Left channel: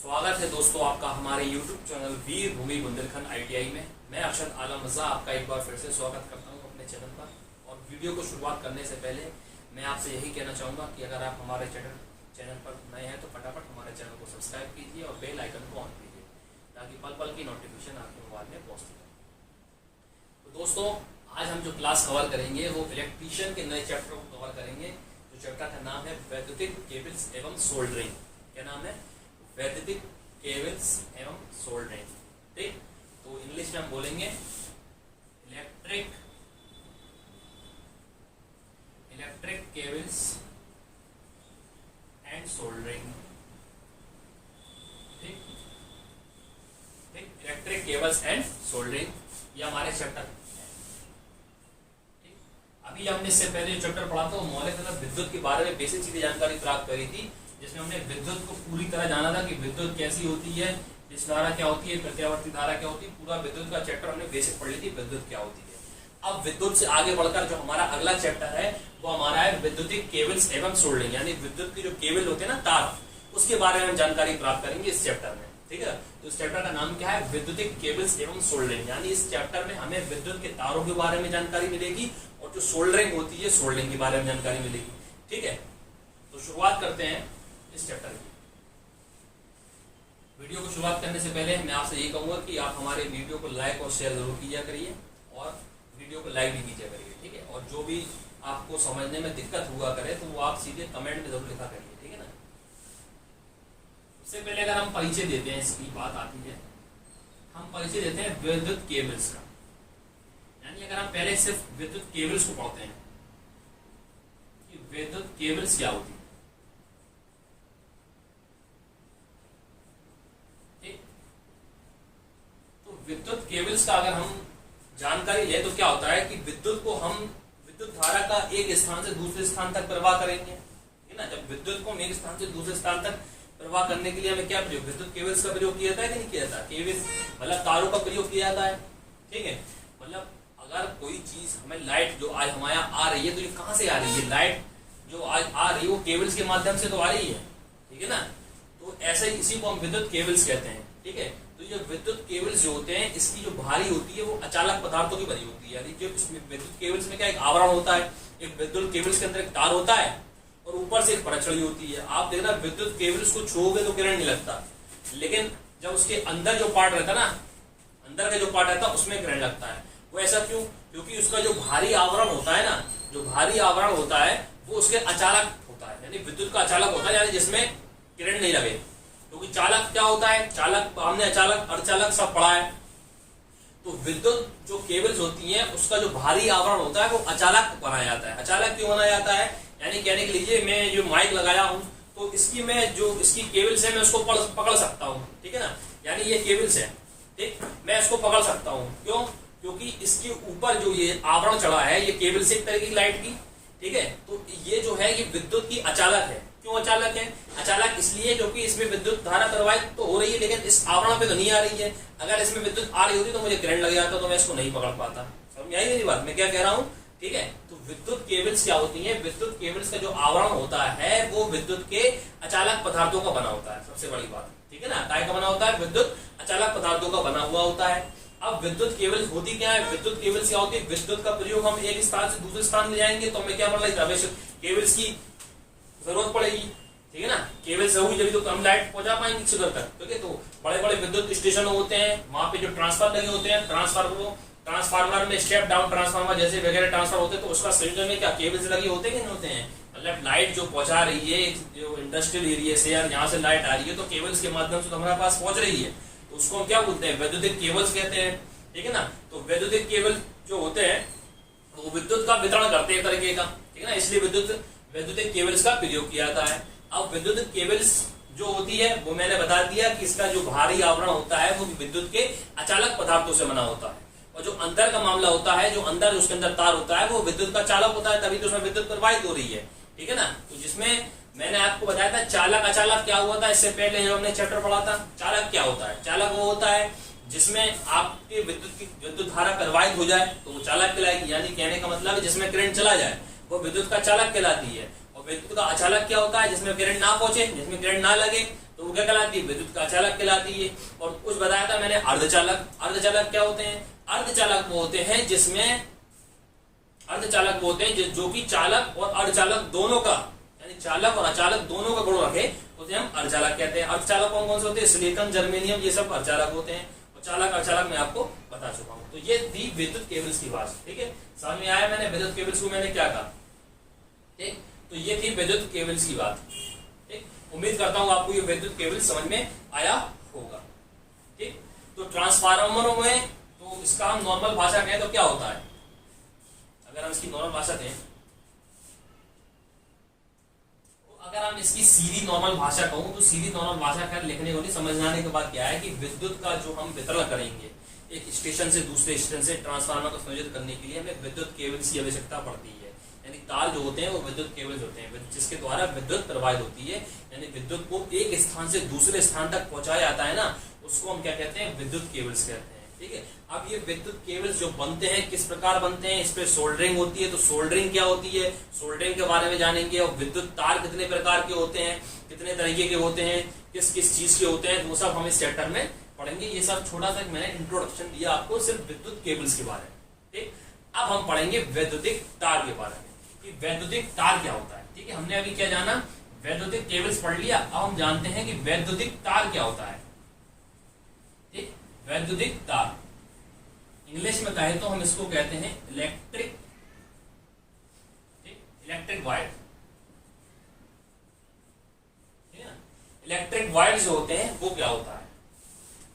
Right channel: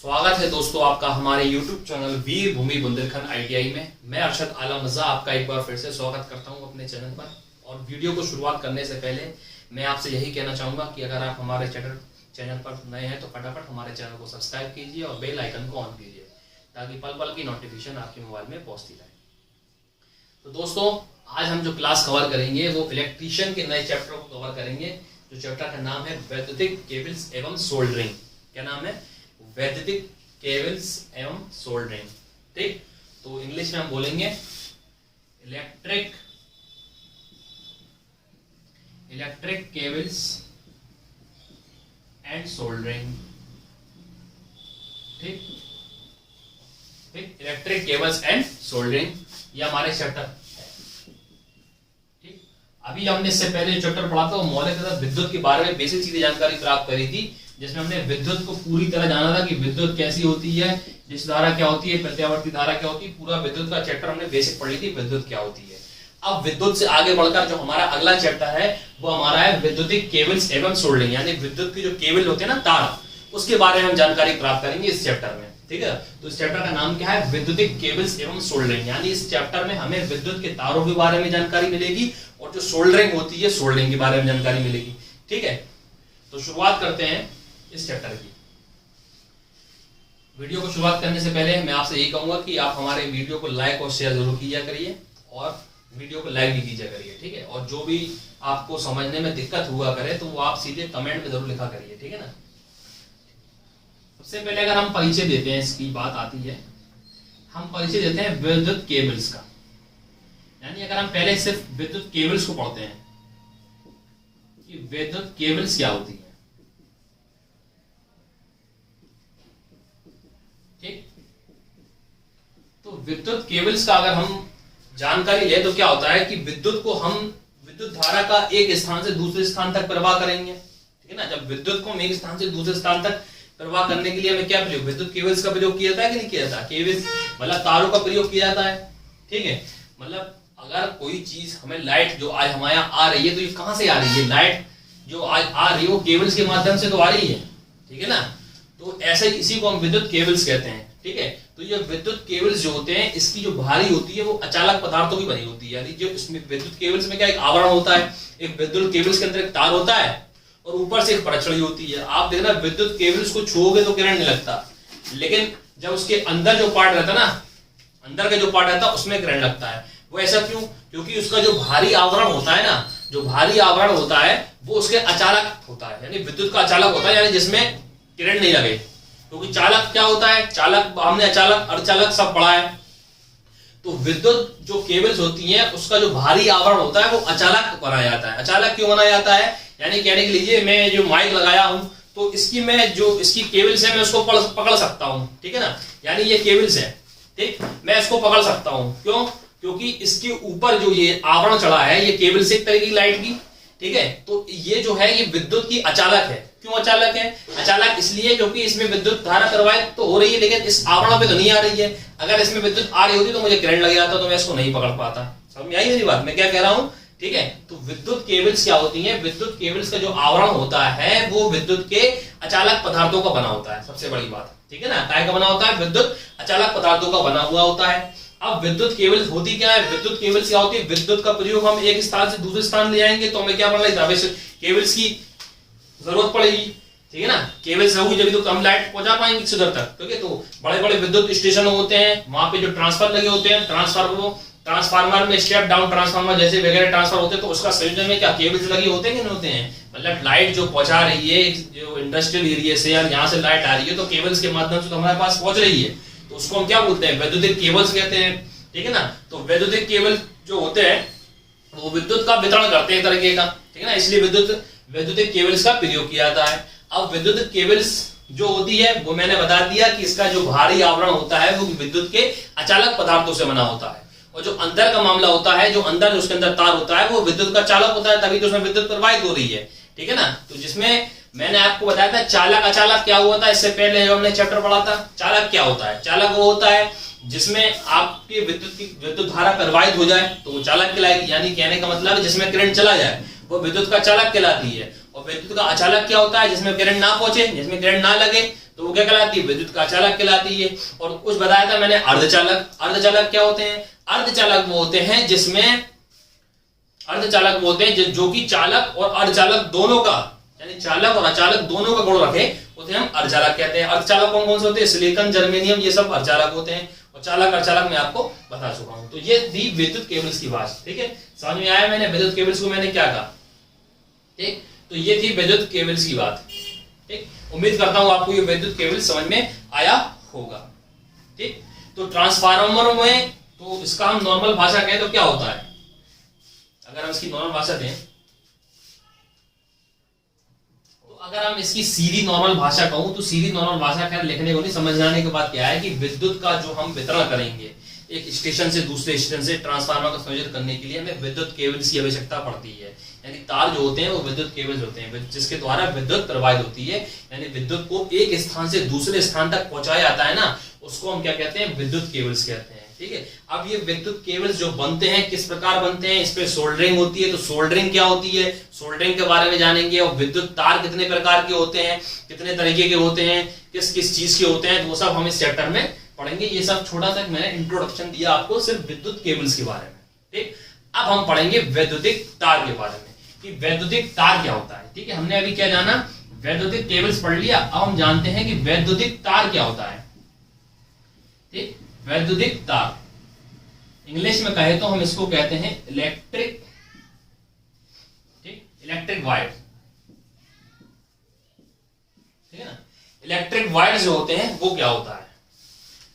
स्वागत है दोस्तों आपका हमारे YouTube चैनल वीर भूमि बुंदेलखंड ITI में। मैं अरशद आलम रजा आपका एक बार फिर से स्वागत करता हूं अपने चैनल पर। और वीडियो को शुरुआत करने से पहले मैं आपसे यही कहना चाहूँगा कि अगर आप हमारे चैनल पर नए हैं तो फटाफट हमारे चैनल को सब्सक्राइब कीजिए और बेल आइकन को ऑन कीजिए ताकि पल पल की नोटिफिकेशन आपके मोबाइल में पहुँचती रहे। तो दोस्तों आज हम जो क्लास कवर करेंगे वो इलेक्ट्रीशियन के नए चैप्टर को कवर करेंगे। जो चैप्टर का नाम है वैद्युतिक केबल्स एवं सोल्डरिंग। क्या नाम है? वैद्युतिक केबल्स एवं सोल्डरिंग। ठीक, तो इंग्लिश में हम बोलेंगे इलेक्ट्रिक केबल्स एंड सोल्डरिंग। ठीक, इलेक्ट्रिक केबल्स एंड सोल्डरिंग ये हमारे चैप्टर है। ठीक, अभी हमने इससे पहले जो चैप्टर पढ़ा था वो मौलिक तथा विद्युत के बारे में बेसिक चीजें जानकारी प्राप्त करी थी, जिसमें हमने विद्युत को पूरी तरह जाना था कि विद्युत कैसी होती है, जिस धारा क्या होती है, प्रत्यावर्ती धारा क्या होती है। पूरा विद्युत का चैप्टर हमने बेसिक पढ़ ली थी, विद्युत क्या होती है। अब विद्युत से आगे बढ़कर जो हमारा अगला चैप्टर है वो हमारा है विद्युतिक केबल्स एवं सोल्डरिंग, यानी विद्युत के जो केबल होते हैं ना, तार, उसके बारे में हम जानकारी प्राप्त करेंगे इस चैप्टर में। ठीक है, तो इस चैप्टर का नाम क्या है? विद्युतिक केबल्स एवं सोल्डरिंग। यानी इस चैप्टर में हमें विद्युत के तारों के बारे में जानकारी मिलेगी और जो सोल्डरिंग होती है सोल्डरिंग के बारे में जानकारी मिलेगी। ठीक है, तो शुरुआत करते हैं इस चैप्टर की। वीडियो को शुरुआत करने से पहले मैं आपसे यही कहूंगा कि आप हमारे वीडियो को लाइक और शेयर जरूर किया करिए और वीडियो को लाइक भी कीजिए करिए। ठीक है, और जो भी आपको समझने में दिक्कत हुआ करे तो वो आप सीधे कमेंट में जरूर लिखा करिए। ठीक है ना। सबसे पहले अगर हम परिचय देते हैं, इसकी बात आती है, हम परिचय देते हैं विद्युत केबल्स का। यानी अगर हम पहले सिर्फ विद्युत केबल्स को पढ़ते हैं कि विद्युत केबल्स क्या होती है। ठीक, तो विद्युत केबल्स का अगर हम जानकारी ले तो क्या होता है कि विद्युत को हम विद्युत धारा का एक स्थान से दूसरे स्थान तक प्रवाह करेंगे। ठीक है ना। जब विद्युत को हम एक स्थान से दूसरे स्थान तक प्रवाह करने के लिए हमें क्या प्रयोग, विद्युत केबल्स का प्रयोग किया जाता है कि नहीं किया जाता? केबल्स मतलब तारों का प्रयोग किया जाता है। ठीक है, मतलब अगर कोई चीज हमें लाइट जो आज हमारे यहाँ आ रही है तो ये कहां से आ रही है? लाइट जो आज आ रही है वो केबल्स के माध्यम से तो आ रही है। ठीक है ना। तो ऐसे इसी को हम विद्युत केबल्स कहते हैं। ठीक है, तो ये विद्युत केबल्स जो होते हैं इसकी जो भारी होती है वो अचालक पदार्थों की बनी होती है। यानी जो इसमें विद्युत केबल्स में क्या एक आवरण होता है, एक विद्युत केबल्स के अंदर एक तार होता है और ऊपर से एक परछड़ी होती है। आप देखना विद्युत केबल्स को छूओगे तो करंट नहीं लगता, लेकिन जब उसके अंदर जो पार्ट रहता है ना, अंदर का जो पार्ट रहता है उसमें करंट लगता है। वो ऐसा क्यों? क्योंकि उसका जो भारी आवरण होता है ना, जो भारी आवरण होता है वो उसके अचालक होता है, यानी विद्युत का अचालक होता है, यानी जिसमें करंट नहीं लगे। क्योंकि चालक क्या होता है? चालक हमने अचालक अर्धचालक सब पढ़ा है। तो विद्युत जो केबल्स होती हैं उसका जो भारी आवरण होता है वो अचालक बनाया जाता है। अचालक क्यों बनाया जाता है? यानी कहने के लिए मैं जो माइक लगाया हूं तो इसकी मैं जो इसकी केबल्स है मैं उसको पकड़ सकता हूं। ठीक है ना। यानी ये केबल्स है, ठीक, मैं इसको पकड़ सकता हूं। क्यों? क्योंकि इसके ऊपर जो ये आवरण चढ़ा है ये केबल से एक तरह की लाइट की। ठीक है, तो ये जो है ये विद्युत की अचालक है। क्यों अचालक है? अचालक इसलिए क्योंकि इसमें विद्युत धारा प्रवाहित तो हो रही है लेकिन इस आवरण पे तो नहीं आ रही है। अगर इसमें विद्युत आ रही होती तो मुझे करंट लग जाता, तो मैं इसको नहीं पकड़ पाता। समझ आई मेरी बात? मैं क्या कह रहा हूं? ठीक है, तो विद्युत केबल्स क्या होती हैं? विद्युत केबल्स का जो आवरण होता है वो विद्युत के अचालक पदार्थों का बना होता है। सबसे बड़ी बात, ठीक है ना, काय का बना होता है? विद्युत अचालक पदार्थों का बना हुआ होता है। अब विद्युत केबल्स होती क्या है? विद्युत केबल्स क्या होती है? विद्युत का प्रयोग हम एक स्थान से दूसरे स्थान ले जाएंगे तो हमें क्या पड़ना है? केबल्स की जरूरत पड़ेगी। ठीक है ना। केबल्स होगी जब तो हम लाइट पहुंचा पाएंगे किसी उधर तक। ठीक है, तो बड़े बड़े विद्युत स्टेशन होते हैं, वहां पे जो ट्रांसफार्मर लगे होते हैं, ट्रांसफार्मर में स्टेप डाउन ट्रांसफार्मर जैसे वगैरह ट्रांसफार्मर होते हैं, तो उसका संयोजन में क्या केबल्स लगे होते हैं कि नहीं होते हैं? मतलब लाइट जो पहुंचा रही है जो इंडस्ट्रियल एरिया से या यहाँ से लाइट आ रही है तो केबल्स के माध्यम से तो हमारे पास पहुंच रही है, तो उसको हम क्या बोलते हैं? वैद्युतिक केबल्स कहते हैं। ठीक है ना। तो वैद्युतिक केबल जो होते हैं वो विद्युत का वितरण करते हैं एक तरीके का। ठीक है ना, इसलिए वैद्युतिक केबल्स का प्रयोग किया जाता है। अब विद्युत केबल्स जो होती है वो मैंने बता दिया कि इसका जो भारी आवरण होता है वो विद्युत के अचालक पदार्थों से बना होता है, और जो अंदर का मामला होता है, जो अंदर उसके अंदर तार होता है वो विद्युत का चालक होता है, तभी तो उसमें विद्युत प्रवाहित हो रही है। ठीक है ना। तो जिसमें मैंने आपको बताया था चालक अचालक क्या हुआ था, इससे पहले जो हमने चैप्टर पढ़ा था। चालक क्या होता है? चालक वो होता है जिसमें आपकी विद्युत धारा प्रवाहित हो जाए तो वो चालक कहलाएगी। यानी कहने का मतलब है जिसमें करंट चला जाए वो विद्युत का चालक कहलाती है। और विद्युत का अचालक क्या होता है, जिसमें करंट ना पहुंचे, जिसमें करंट ना लगे, तो वो क्या कहलाती है, विद्युत का अचालक कहलाती है। और कुछ बताया था मैंने अर्धचालक। अर्धचालक क्या होते हैं, अर्धचालक वो होते हैं जिसमें, अर्धचालक वो होते हैं जो कि चालक और अर्धचालक दोनों का, यानी चालक और अचालक दोनों का गुण रखे, उसे हम अर्धचालक कहते हैं। अर्धचालक कौन कौन से होते हैं, सिलिकॉन, जर्मेनियम, ये सब अर्धचालक होते हैं। और चालक अर्धचालक मैं आपको बता चुका हूं। तो ये थी विद्युत केबल्स की बात, ठीक है, समझ में आया। मैंने विद्युत केबल्स को मैंने क्या कहा, ठीक, तो ये थी विद्युत केबल्स की बात, ठीक। उम्मीद करता हूं आपको ये विद्युत केबल समझ में आया होगा, ठीक। तो ट्रांसफार्मर में, तो इसका हम नॉर्मल भाषा कहें तो क्या होता है, अगर हम इसकी नॉर्मल भाषा दें, तो अगर हम इसकी सीधी नॉर्मल भाषा कहूं तो सीधी नॉर्मल भाषा खैर लिखने को नहीं, समझाने के बाद क्या है कि विद्युत का जो हम वितरण करेंगे एक स्टेशन से दूसरे स्टेशन से ट्रांसफार्मर का संयोजन करने के लिए हमें विद्युत केबल्स की आवश्यकता पड़ती है। यानी तार जो होते हैं वो विद्युत केबल्स होते हैं जिसके द्वारा विद्युत प्रवाहित होती है, यानी विद्युत को एक स्थान से दूसरे स्थान तक पहुंचाया जाता है ना, उसको हम क्या कहते हैं, विद्युत केबल्स कहते हैं, ठीक है। अब ये विद्युत केबल्स जो बनते हैं किस प्रकार बनते हैं, इस पे सोल्डरिंग होती है, तो सोल्डरिंग क्या होती है, सोल्डरिंग के बारे में जानेंगे। और विद्युत तार कितने प्रकार के होते हैं, कितने तरीके के होते हैं, किस किस चीज के होते हैं, वो सब हम इस चैप्टर में पढ़ेंगे। ये सब छोटा सा मैंने इंट्रोडक्शन दिया आपको सिर्फ विद्युत केबल्स के बारे में, ठीक। अब हम पढ़ेंगे वैद्युतिक तार के बारे में कि वैद्युतिक तार क्या होता है, ठीक है। हमने अभी क्या जाना, वैद्युतिक केबल्स पढ़ लिया। अब हम जानते हैं कि वैद्युतिक तार क्या होता है, ठीक। वैद्युतिक तार इंग्लिश में कहे तो हम इसको कहते हैं इलेक्ट्रिक, ठीक, इलेक्ट्रिक वायर, ठीक है ना। इलेक्ट्रिक वायर जो होते हैं वो क्या होता है,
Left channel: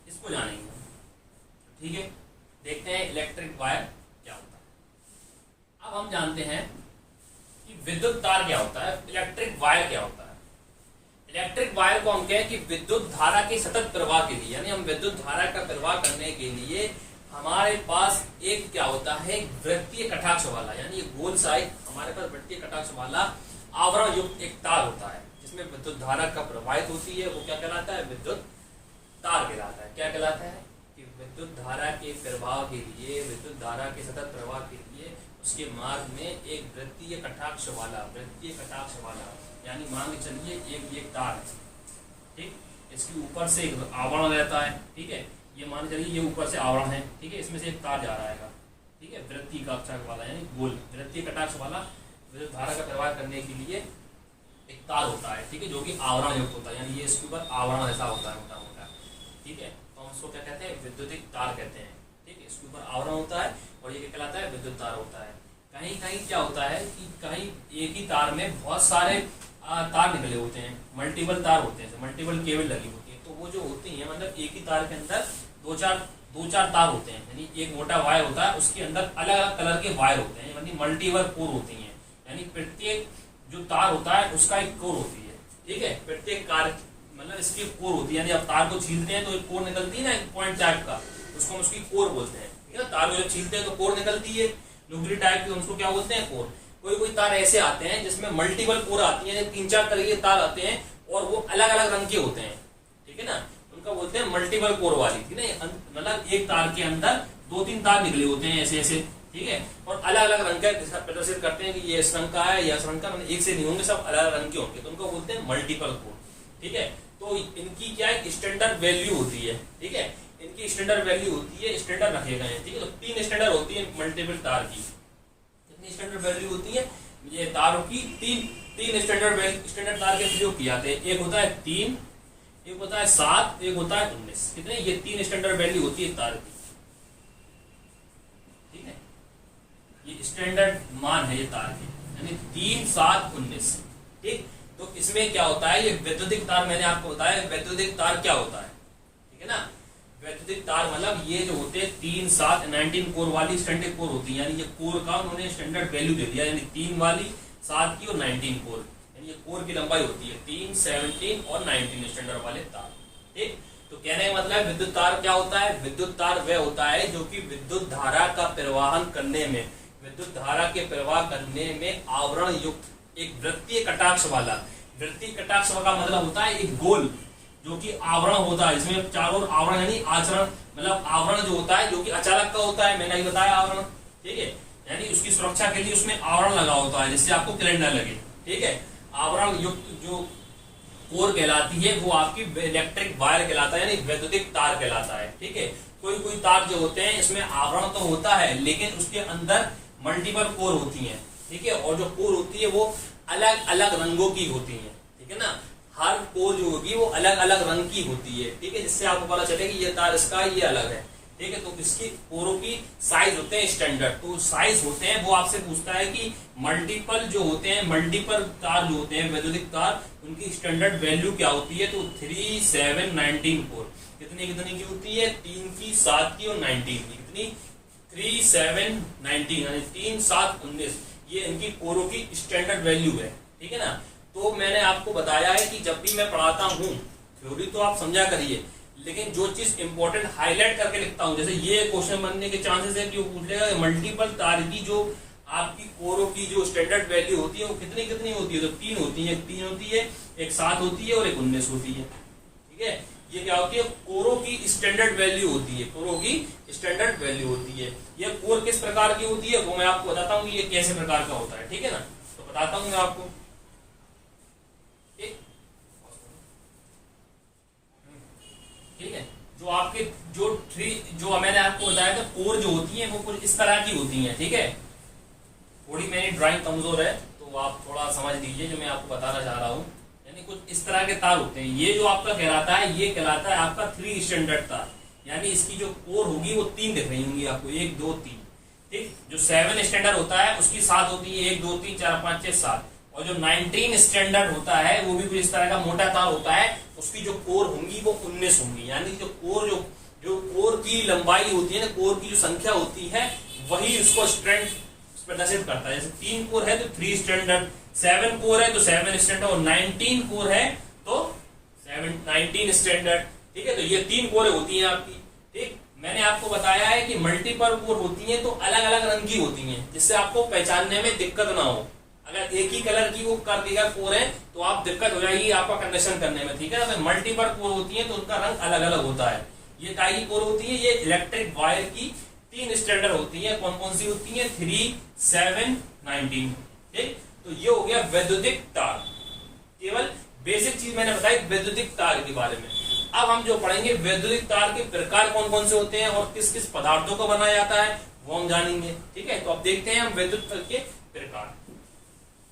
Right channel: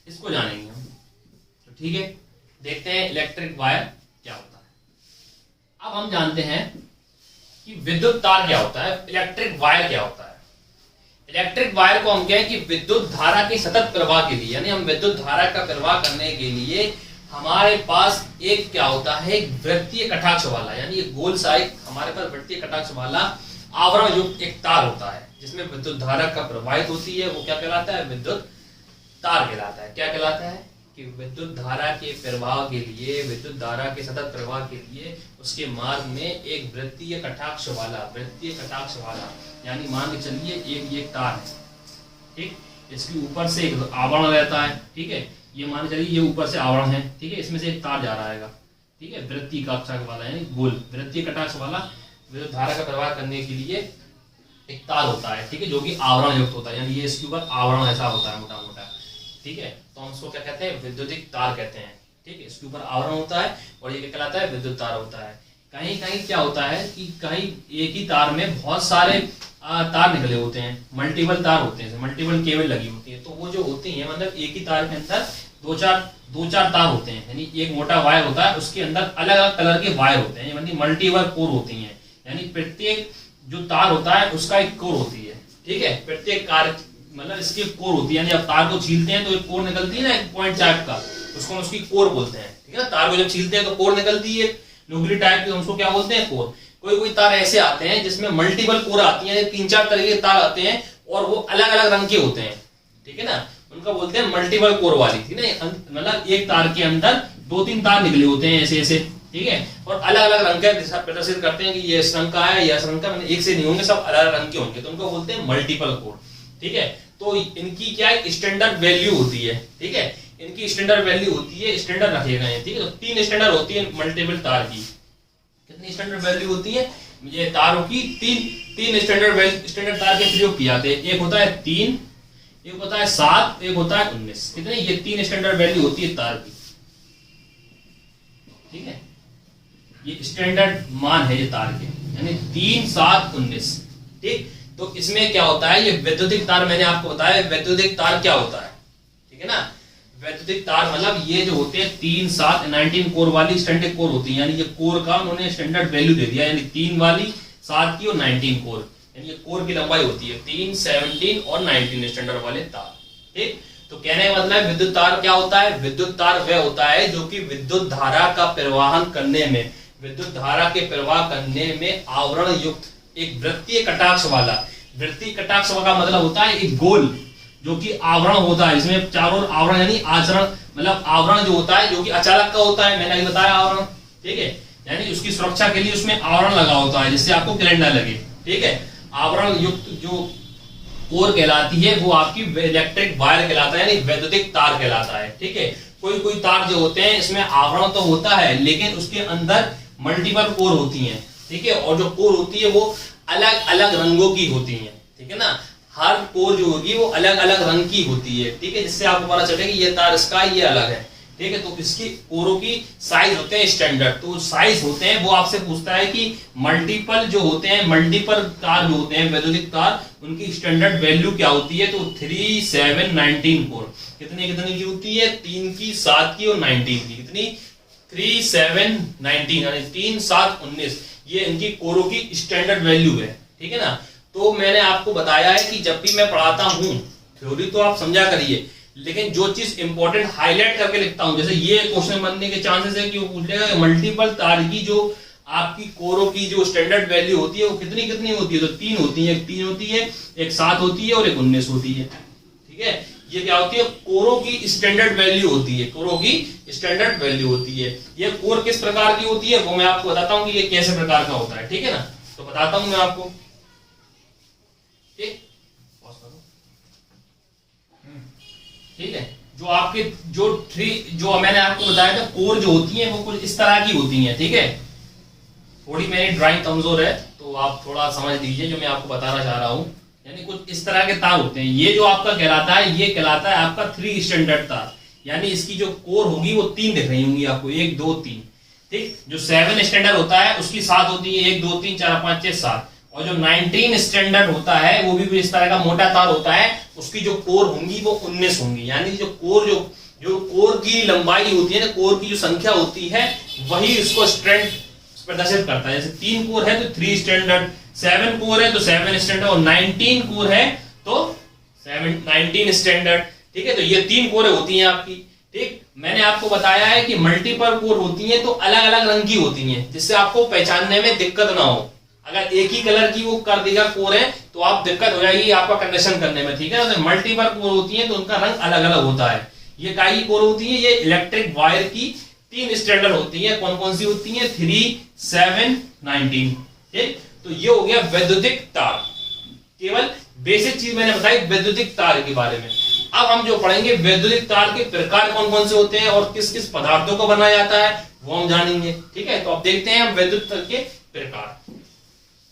इसको जानेंगे हम, तो ठीक है। देखते हैं इलेक्ट्रिक वायर क्या होता है। अब हम जानते हैं कि विद्युत तार क्या होता है, इलेक्ट्रिक वायर क्या होता है। इलेक्ट्रिक वायर को हम कहें कि विद्युत धारा के सतत प्रवाह के लिए, यानी हम विद्युत धारा का प्रवाह करने के लिए हमारे पास एक क्या होता है, एक वृत्तीय कटाक्ष वाला, यानी एक गोल सा एक हमारे पास वृत्तीय कटाक्ष वाला आवरण युक्त एक तार होता है जिसमें विद्युत धारा का प्रवाहित होती है, वो क्या कहलाता है, विद्युत तार कहलाता है। क्या कहलाता है कि विद्युत धारा के प्रवाह के लिए, विद्युत धारा के सतत प्रवाह के लिए उसके मार्ग में एक वृत्तीय कटाक्ष वाला, यानी मान के चलिए एक ये तार है, ठीक, इसके ऊपर से एक आवरण रहता है, ठीक है, ये मान के चलिए ये ऊपर से आवरण है, ठीक है, इसमें से एक तार जा रहा है, ठीक है, वृत्तीय कटाक्ष वाला, यानी गोल वृत्तीय कटाक्ष वाला विद्युत धारा का प्रवाह करने के लिए एक तार होता है, ठीक है, जो कि आवरण युक्त होता है, यानी ये इसके ऊपर आवरण ऐसा होता है मोटा मोटा, ठीक है। तो हम इसको क्या कहते हैं, विद्युतिक तार कहते हैं, ठीक है। इसके ऊपर आवरण होता है और ये क्या कहलाता है, विद्युत तार होता है। कहीं कहीं क्या होता है कि कहीं एक ही तार में बहुत सारे तार निकले होते हैं, मल्टीपल तार होते हैं, मल्टीपल केबल लगी होती है, तो वो जो होती है मतलब एक ही तार के अंदर दो चार तार होते हैं, यानी एक मोटा वायर होता है, उसके अंदर अलग अलग कलर के वायर होते हैं, यानी मल्टीपल कोर होती हैं, यानी प्रत्येक जो तार होता है उसका एक कोर होती है, ठीक है, प्रत्येक कार्य मतलब इसकी कोर होती है, यानी आप तार को छीलते हैं तो एक कोर निकलती है ना, एक पॉइंट टाइप का, उसको हम उसकी कोर बोलते हैं, ठीक है ना। तार को जब छीलते हैं तो कोर निकलती है नुकीली टाइप की, उसको क्या बोलते हैं, कोर। कोई तार ऐसे आते हैं जिसमें मल्टीपल कोर आती है, 3-4 तरह के तार आते हैं और वो अलग अलग रंग के होते हैं, ठीक है ना, उनका बोलते हैं मल्टीपल कोर वाली, ठीक है, मतलब एक तार के अंदर 2-3 तार निकले होते हैं ऐसे ऐसे, ठीक है, और अलग अलग रंग का प्रदर्शित करते हैं कि ये इस रंग का है या इस रंग का, मतलब एक से नहीं होंगे, सब अलग अलग रंग के होंगे, तो उनको बोलते हैं मल्टीपल कोर, ठीक है। तो इनकी क्या है, स्टैंडर्ड वैल्यू होती है, ठीक है, इनकी स्टैंडर्ड वैल्यू होती है, स्टैंडर्ड रखे गए हैं, ठीक है। तो 3 स्टैंडर्ड होती है मल्टीपल तार की। कितनी स्टैंडर्ड वैल्यू होती है, ये तारों की तीन स्टैंडर्ड तार के प्रयोग किए जाते हैं। एक होता है 3, एक होता है 7, एक होता है 19, कितने, ये 3 स्टैंडर्ड वैल्यू होती है तार की, ठीक है, ये स्टैंडर्ड मान है ये तार के, यानी 3, 7, 19, ठीक। तो इसमें क्या होता है, ये वैद्युतिक तार मैंने आपको बताया वैद्युतिक तार क्या होता है, ठीक है ना। वैद्युतिक तार मतलब ये जो होते हैं 3, 7, 19 कोर वाली स्टैंडर्ड कोर होती है, यानी ये कोर का उन्होंने स्टैंडर्ड वैल्यू दे दिया, यानी 3 वाली, 7 की और 19 कोर, यानी ये कोर की लंबाई होती है 3, 17 और 19 स्टैंडर्ड वाले तार, ठीक। तो कहने का मतलब विद्युत तार क्या होता है, विद्युत तार वह होता है जो कि विद्युत धारा का प्रवाहन करने में, विद्युत धारा के प्रवाह करने में आवरण युक्त एक वृत्तीय कटाक्ष वाला, वृत्तीय कटाक्ष का मतलब होता है एक गोल जो कि आवरण होता है, इसमें चारों ओर आवरण, यानी आचरण मतलब आवरण जो होता है जो कि अचालक का होता है, मैंने अभी बताया आवरण, ठीक है, यानी उसकी सुरक्षा के लिए उसमें आवरण लगा होता है जिससे आपको करंट ना लगे, ठीक है। आवरण युक्त जो कोर कहलाती है वो आपकी इलेक्ट्रिक वायर कहलाता है, यानी वैद्युतिक तार कहलाता है। ठीक है, कोई कोई तार जो होते हैं इसमें आवरण तो होता है लेकिन उसके अंदर मल्टीपल कोर होती हैं। ठीक है, और जो कोर होती है वो अलग अलग रंगों की होती है। ठीक है ना, हर कोर जो होगी वो अलग अलग रंग की होती है। ठीक है, जिससे आपको पता चले कि ये तार इसका ये अलग है। ठीक है, तो इसकी कोरों की साइज होते हैं स्टैंडर्ड, तो साइज होते हैं वो आपसे पूछता है कि मल्टीपल जो होते हैं, मल्टीपल तार जो होते हैं वैद्युतिक तार, उनकी स्टैंडर्ड वैल्यू क्या होती है। तो 3, 7, 19 कोर कितनी की होती है, 3 की, 7 की और 19 की। कितनी, 3, 7, 19 यानी 3, 7, 19, ये इनकी कोरों की स्टैंडर्ड वैल्यू है। ठीक है ना, तो मैंने आपको बताया है कि जब भी मैं पढ़ाता हूं, थ्योरी तो आप समझा करिए, लेकिन जो चीज इंपॉर्टेंट हाईलाइट करके लिखता हूं, जैसे ये क्वेश्चन बनने के चांसेस है कि वो पूछ लेगा कि मल्टीपल तार की जो आपकी कोरों की जो स्टैंडर्ड वैल्यू होती है वो कितनी कितनी होती है। तो 3 होती है, एक 3 होती है, एक 7 होती है और एक 19 होती है। ठीक है, ये क्या होती है, कोरों की स्टैंडर्ड वैल्यू होती है, कोरों की स्टैंडर्ड वैल्यू होती है। ये कोर किस प्रकार की होती है वो मैं आपको बताता हूं कि ये कैसे प्रकार का होता है। ठीक है ना, तो बताता हूं मैं आपको। ठीक है, जो आपके जो मैंने आपको बताया था कोर जो होती है वो कुछ इस तरह की होती है। ठीक है, थोड़ी मेरी ड्राइंग कमजोर है तो आप थोड़ा समझ लीजिए जो मैं आपको बताना चाह रहा हूं। यानी कुछ इस तरह के तार होते हैं। ये जो आपका कहलाता है ये कहलाता है आपका 3 स्टैंडर्ड तार, यानी इसकी जो कोर होगी वो 3 दिख रही होंगी आपको, 1, 2, 3। ठीक, जो 7 स्टैंडर्ड होता है उसकी 7 होती है, 1, 2, 3, 4, 5, 6, 7। और जो 19 स्टैंडर्ड होता है वो भी इस तरह का मोटा तार होता है, उसकी जो कोर होंगी वो 19 होंगी। यानी जो कोर की लंबाई होती है ना, कोर की जो संख्या होती है वही उसको स्ट्रेंथ प्रदर्शित करता है। जैसे 3 कोर है तो 3 स्टैंडर्ड, 7 कोर है तो 7 स्टैंडर्ड, और 19 कोर है तो 19 स्टैंडर्ड। ठीक है, तो ये 3 कोरें होती हैं आपकी। ठीक, मैंने आपको बताया है कि मल्टीपल कोर होती हैं तो अलग अलग रंग की होती हैं, जिससे आपको पहचानने में दिक्कत ना हो। अगर एक ही कलर की वो कर देगा कोर है तो आप दिक्कत हो जाएगी आपका कंडीशन करने में। ठीक है ना, तो मल्टीपल कोर होती है तो उनका रंग अलग अलग होता है। ये काई कोर होती है, ये इलेक्ट्रिक वायर की 3 स्टैंडर्ड होती है। कौन कौन सी होती है, 3, 7, 19। ठीक, तो ये हो गया वैद्युतिक तार। केवल बेसिक चीज मैंने बताई वैद्युतिक तार के बारे में। अब हम जो पढ़ेंगे वैद्युतिक तार के प्रकार कौन कौन से होते हैं और किस किस पदार्थों को बनाया जाता है वो हम जानेंगे। ठीक है, तो अब देखते हैं हम वैद्युत तार के प्रकार।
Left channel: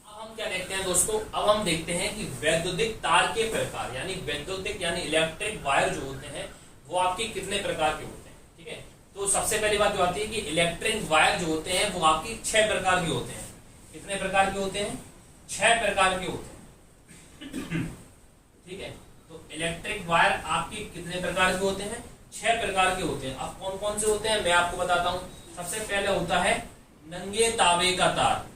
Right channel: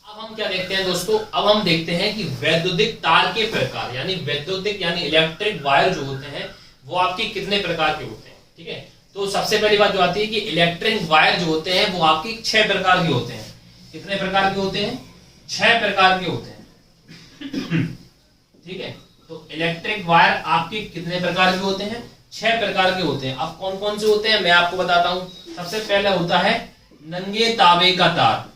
हम क्या देखते हैं दोस्तों, अब हम देखते हैं कि वैद्युतिक तार के प्रकार, यानी वैद्युतिक यानी इलेक्ट्रिक वायर जो होते हैं वो आपके कितने प्रकार के होते हैं। ठीक है, तो सबसे पहली बात जो आती है कि इलेक्ट्रिक वायर जो होते हैं वो आपके 6 प्रकार के होते हैं। कितने प्रकार के होते हैं, 6 प्रकार के होते हैं। ठीक है, तो इलेक्ट्रिक वायर आपके कितने प्रकार के होते हैं, 6 प्रकार के होते हैं। अब कौन कौन से होते हैं मैं आपको बताता हूं। सबसे पहले होता है नंगे तांबे का तार,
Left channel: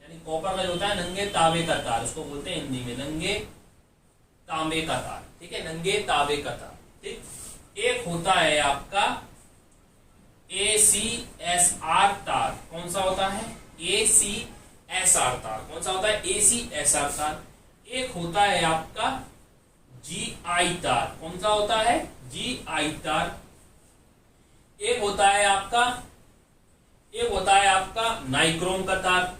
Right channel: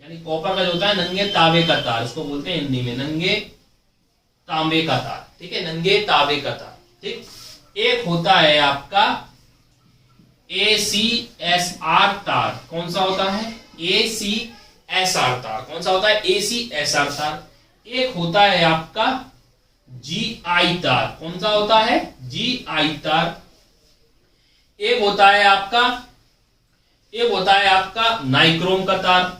यानी कॉपर का जो होता है नंगे तांबे का तार, उसको बोलते हैं हिंदी में नंगे तांबे का तार। ठीक है, नंगे तांबे का तार। ठीक, एक होता है आपका ACSR तार। कौन सा होता है, ACSR तार। कौन सा होता है, ACSR तार। एक होता है आपका GI तार। कौन सा होता है, GI तार। एक होता है आपका नाइक्रोम का तार।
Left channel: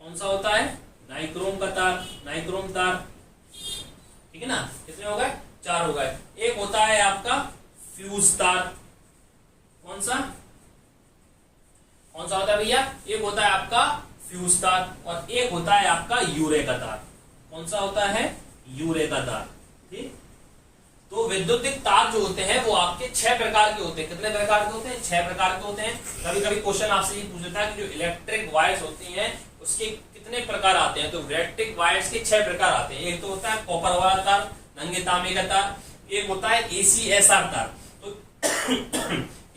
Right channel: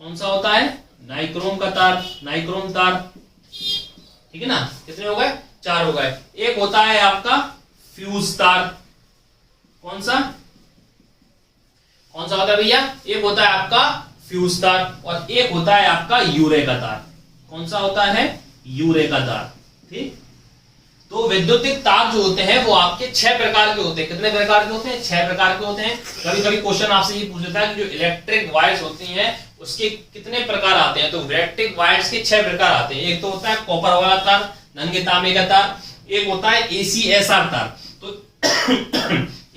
कौन सा होता है, नाइक्रोम का तार, नाइक्रोम तार। ठीक है ना, कितने हो गए, 4 हो गए। एक होता है आपका फ्यूज तार। कौन सा होता है भैया, एक होता है आपका फ्यूज तार और एक होता है आपका यूरे का तार। कौन सा होता है, यूरे का तार। ठीक, तो वैद्युतिक तार जो होते हैं वो आपके 6 प्रकार के होते हैं। कितने प्रकार के होते हैं, 6 प्रकार के होते हैं। कभी कभी क्वेश्चन आपसे ये पूछ लेता है कि जो इलेक्ट्रिक वायर्स होती हैं उसके कितने प्रकार आते हैं, तो इलेक्ट्रिक वायर्स के 6 प्रकार आते हैं। एक तो होता है कॉपर वाला तार, नंगे तांबे का तार। एक होता है ACSR तार। तो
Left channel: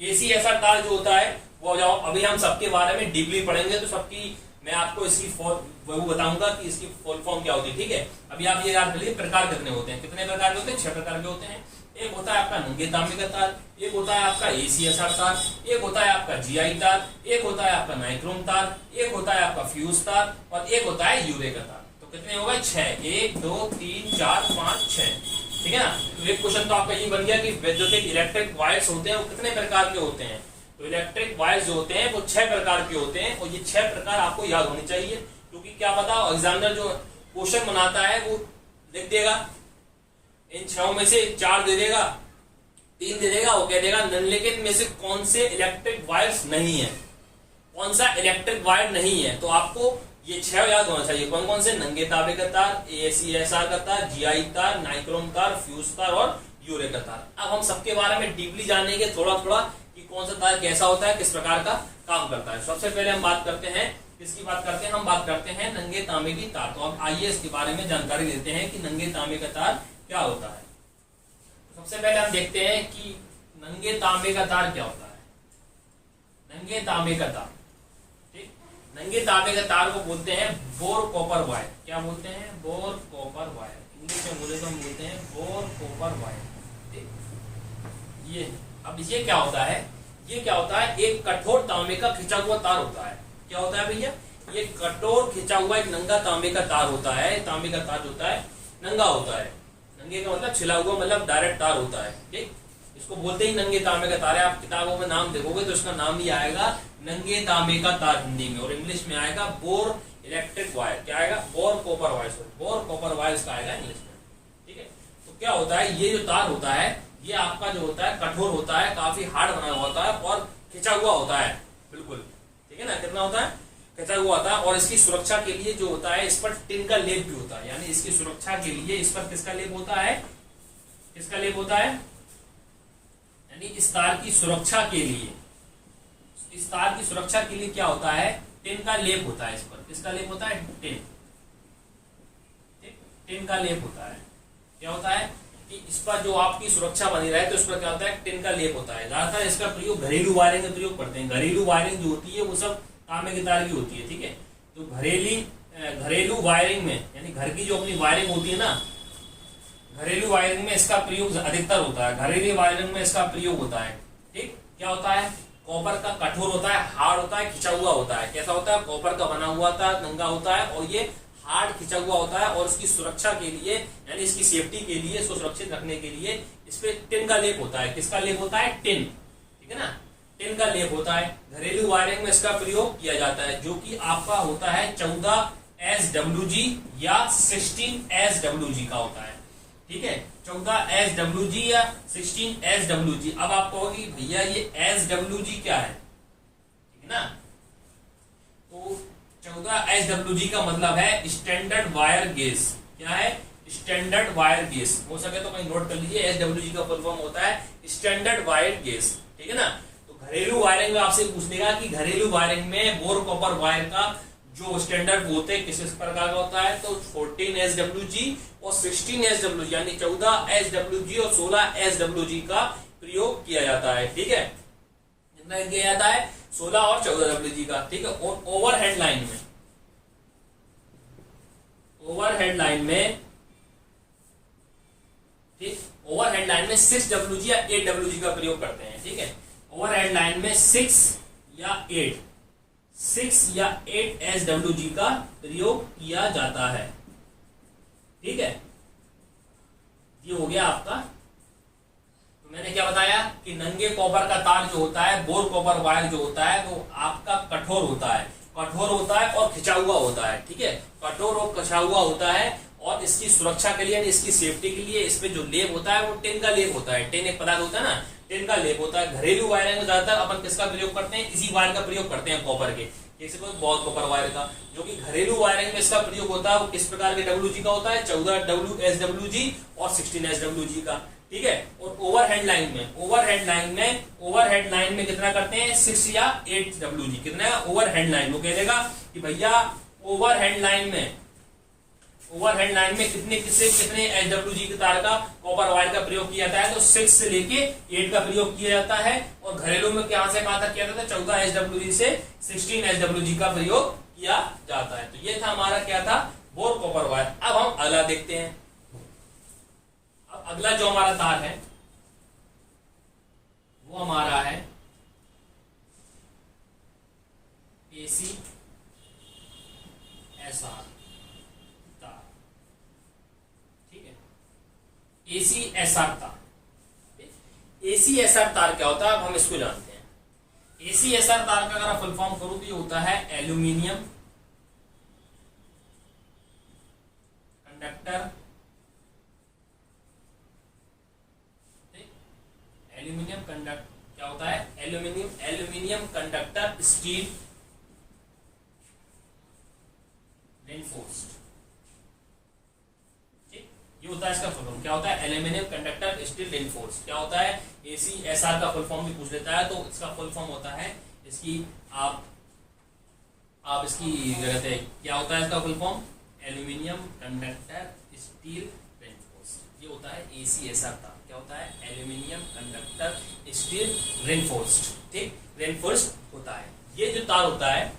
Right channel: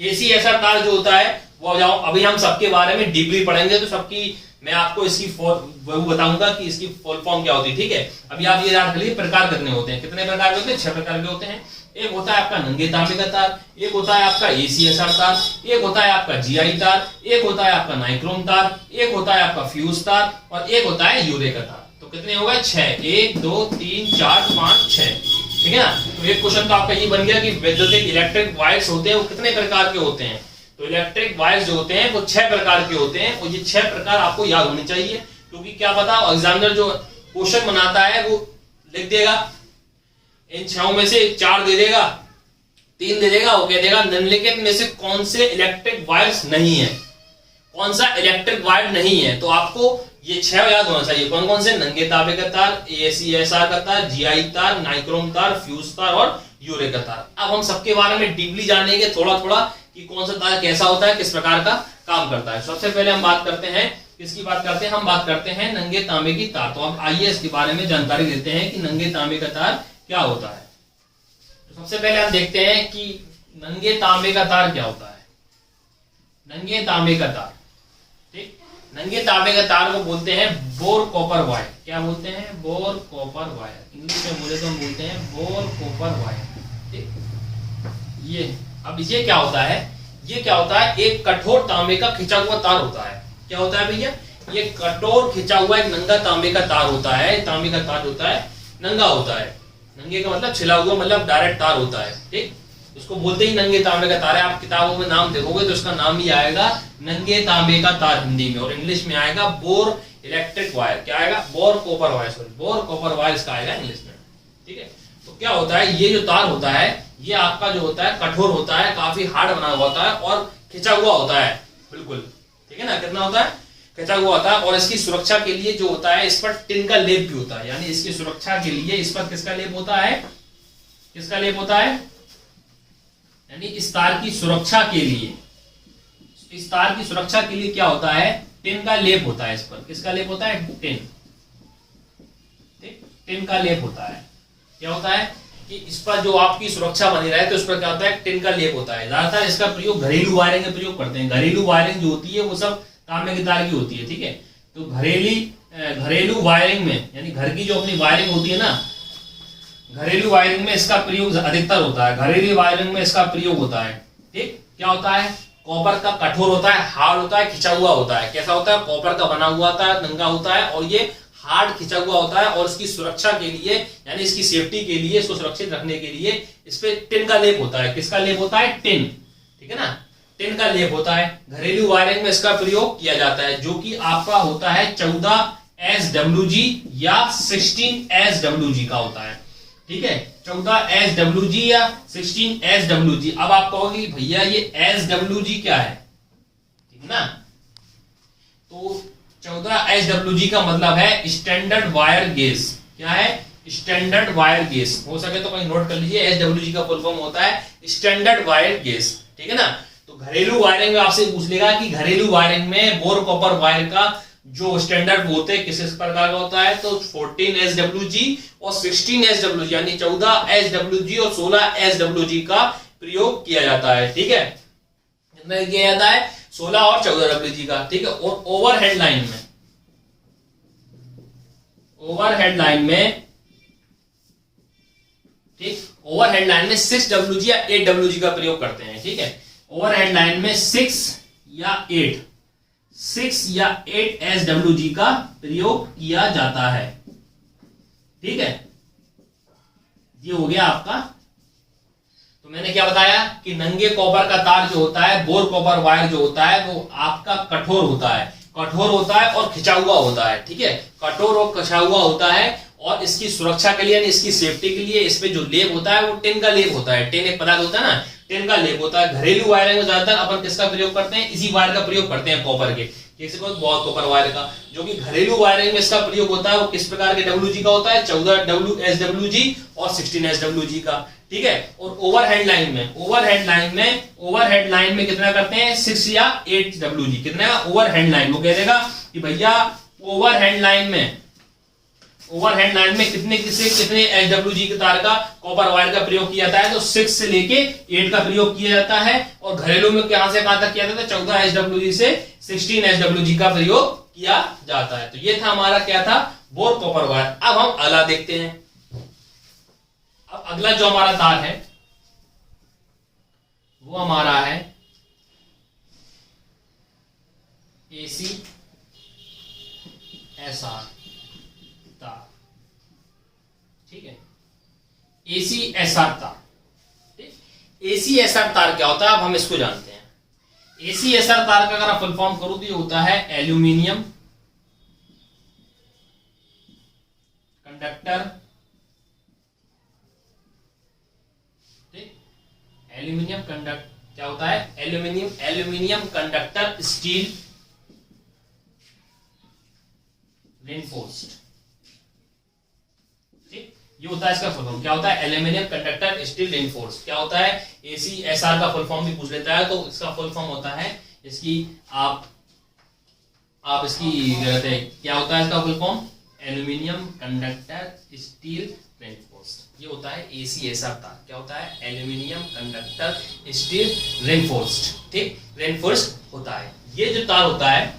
ACSR तार जो होता है वो जाओ अभी हम सबके बारे में डीपली पढ़ेंगे, तो सबकी मैं आपको इसकी वो बताऊंगा कि इसकी फुल फॉर्म क्या होती है। ठीक है, अभी आप ये याद कर लीजिए प्रकार कितने होते हैं, कितने प्रकार के होते हैं, 6 प्रकार के होते हैं। एक होता है आपका नंगे तांबे का तार, एक होता है आपका ACSR तार, एक होता है आपका GI तार, एक होता है आपका नाइक्रोम तार, एक होता है आपका फ्यूज तार और एक होता है यूरे का तार। तो कितने हो गए, 6। 1, 2, 3, 4, 5, 6। ठीक है ना, तो एक क्वेश्चन तो आपका ये बन गया कि वैद्युतिक इलेक्ट्रिक वायर्स होते हैं वो कितने प्रकार के होते हैं। तो इलेक्ट्रिक वायर्स जो होते हैं वो 6 प्रकार के होते हैं और ये 6 प्रकार आपको याद होने चाहिए, क्योंकि क्या पता एग्जामिनर जो क्वेश्चन बनाता है वो लिख देगा, इन 6 में से 4 दे देगा, 3 दे देगा, वो कह देगा निम्नलिखित में से कौन से इलेक्ट्रिक वायर्स नहीं है, कौन सा इलेक्ट्रिक वायर नहीं है। तो आपको ये 6 याद होना चाहिए। कौन कौन से? नंगे तांबे का तार, ACSR का तार, GI तार, नाइक्रोम तार, फ्यूज तार और यूरे का तार। अब हम सबके बारे में डीपली जानेंगे थोड़ा थोड़ा कि कौन सा तार कैसा होता है, किस प्रकार का काम करता है। सबसे पहले हम बात करते हैं, किसकी बात करते हैं? हम बात करते हैं नंगे तांबे की तार। तो अब आइए इसके बारे में जानकारी देते हैं कि नंगे तांबे का तार क्या होता है। तो सबसे पहले हम देखते हैं कि नंगे तांबे का तार क्या होता है। नंगे तांबे का तार, ठीक, नंगे तांबे का तार को बोलते हैं बोर कॉपर वायर। क्या बोलते हैं? Bore copper wire. इंग्लिश में बोले तो हम बोलते हैं बोर कॉपर वायर। ठीक, ये अब ये क्या होता है? ये क्या होता है? एक कठोर तांबे का खिंचा हुआ तार होता है। क्या होता है भैया? ये कठोर खिंचा हुआ एक नंगा तांबे का तार होता है। तांबे का तार होता है नंगा होता है। नंगे का मतलब छिला हुआ, मतलब डायरेक्ट तार होता है। ठीक, इसको बोलते ही नंगे तांबे का तार है। आप किताबों में नाम देखोगे तो इसका नाम ही आएगा नंगे तांबे का तार हिंदी में, और इंग्लिश में आएगा बोर इलेक्ट्रिक वायर। क्या आएगा? Bore copper wire, sorry bore copper wire इसका आएगा इंग्लिश में। ठीक है, तो क्या होता है? ये जो तार होता है ये आपका जो होता है कठोर होता है, काफी हार्ड बना हुआ होता है और खिंचा हुआ होता है बिल्कुल। ठीक है ना, कितना होता है? खिंचा हुआ होता है। और इसकी सुरक्षा के लिए जो होता है इस पर टिन का लेप भी होता है, यानी इसकी सुरक्षा के लिए इस पर किसका लेप होता है? किसका लेप होता है? यानी इस तार की सुरक्षा के लिए, इस तार की सुरक्षा के लिए क्या होता है? टिन का लेप होता है। इस पर किसका लेप होता है? टिन। ठीक, टिन का लेप होता है। क्या होता है कि इस पर जो आपकी सुरक्षा बनी रहे तो इस पर क्या होता है? टिन का लेप होता है। ज्यादातर इसका प्रयोग घरेलू वायरिंग में प्रयोग करते हैं। घरेलू वायरिंग जो होती है वो सब तांबे के तार की होती है। ठीक है, तो घरेलू वायरिंग में, यानी घर की जो अपनी वायरिंग होती है ना, घरेलू वायरिंग में इसका प्रयोग अधिकतर होता है। घरेलू वायरिंग में इसका प्रयोग होता है। ठीक, क्या होता है? कॉपर का कठोर होता है, हार्ड होता है, खिंचा हुआ होता है। कैसा होता है? कॉपर का बना हुआ होता है, नंगा होता है और ये हार्ड खिंचा हुआ होता है। और इसकी सुरक्षा के लिए, यानी इसकी सेफ्टी के लिए, इसको सुरक्षित रखने के लिए इस पे टिन का लेप होता है। किसका लेप होता है? टिन। ठीक है ना, टिन का लेप होता है। घरेलू वायरिंग में इसका प्रयोग किया जाता है, जो कि आपका होता है 14 SWG या 16 SWG का होता है। ठीक है, 14 SWG या 16 SWG। अब आप कहोगे भैया ये SWG क्या है? ठीक है ना, तो 14 SWG का मतलब है स्टैंडर्ड वायर गेज। क्या है? Standard wire gauge. हो सके तो कहीं नोट कर लीजिए, SWG का फुल फॉर्म होता है स्टैंडर्ड वायर गेज। ठीक है ना, तो घरेलू वायरिंग में आपसे पूछ लेगा कि घरेलू वायरिंग में बोर कॉपर वायर का जो स्टैंडर्ड होते हैं किस प्रकार का होता है? तो 14 SWG और 16 SWG, यानी 14 SWG और 16 SWG का प्रयोग किया जाता है। ठीक है, कितना किया जाता है? 16 और 14 WG का। ठीक है, और ओवरहेड लाइन में, ओवरहेड लाइन में, ठीक, ओवरहेड लाइन में 6 WG या 8 WG का प्रयोग करते हैं। ठीक है, ओवरहेड लाइन में 6 या 8 SWG का प्रयोग किया जाता है। ठीक है, ये हो गया आपका। तो मैंने क्या बताया कि नंगे कॉपर का तार जो होता है, बोर कॉपर वायर जो होता है, वो आपका कठोर होता है, कठोर होता है और खिंचा हुआ होता है। ठीक है, कठोर और खिंचा हुआ होता है और इसकी सुरक्षा के लिए, यानी इसकी सेफ्टी के लिए इस पे जो लेप होता है वो टिन का लेप होता है। टिन एक पदार्थ होता है ना, टिन का लेप होता है। घरेलू वायरिंग में ज्यादातर अपन किसका प्रयोग करते हैं? इसी वायर का प्रयोग करते हैं, कॉपर के, जैसे कोई बोर कॉपर वायर का। जो कि घरेलू वायरिंग में इसका प्रयोग होता है वो किस प्रकार के WG का होता है? 14 SWG और 16 SWG का। ठीक है, और ओवरहेड लाइन में कितना करते हैं? 6 या 8 WG। कितना का ओवरहेड लाइन? वो कह देगा कि भैया ओवरहेड लाइन में कितने SWG के तार का, कॉपर वायर का प्रयोग किया जाता है? तो 6 से लेके 8 का प्रयोग किया जाता है। और घरेलू में कहां से कहां तक किया जाता है? 14 SWG से 16 SWG का प्रयोग किया जाता है। तो ये था हमारा क्या था? Bore copper wire. अब हम अगला देखते हैं। अब अगला जो हमारा तार है वो हमारा है ACSR तार। ठीक है, ACSR तार। ACSR तार क्या होता है? अब हम इसको जानते हैं। ACSR तार का अगर फुल फॉर्म करूं तो ये होता है एल्यूमिनियम कंडक्टर, एल्यूमिनियम कंडक्टर क्या होता है, एल्यूमिनियम कंडक्टर स्टील रेनफोर्स्ड, ठीक, ये होता है इसका फुल फॉर्म। क्या होता है, एल्यूमिनियम कंडक्टर स्टील रेनफोर्स्ड। क्या होता है, ACSR का फुल फॉर्म भी पूछ लेता है, तो इसका फुल फॉर्म होता है, इसकी आप इसकी क्या कहते हैं, क्या होता है इसका full form, aluminium conductor steel reinforced. ये होता है ACSR तार। क्या होता है, एल्यूमिनियम कंडक्टर स्टील रेनफोर्स्ड, ठीक, रेनफोर्स्ड होता है। ये जो तार होता है,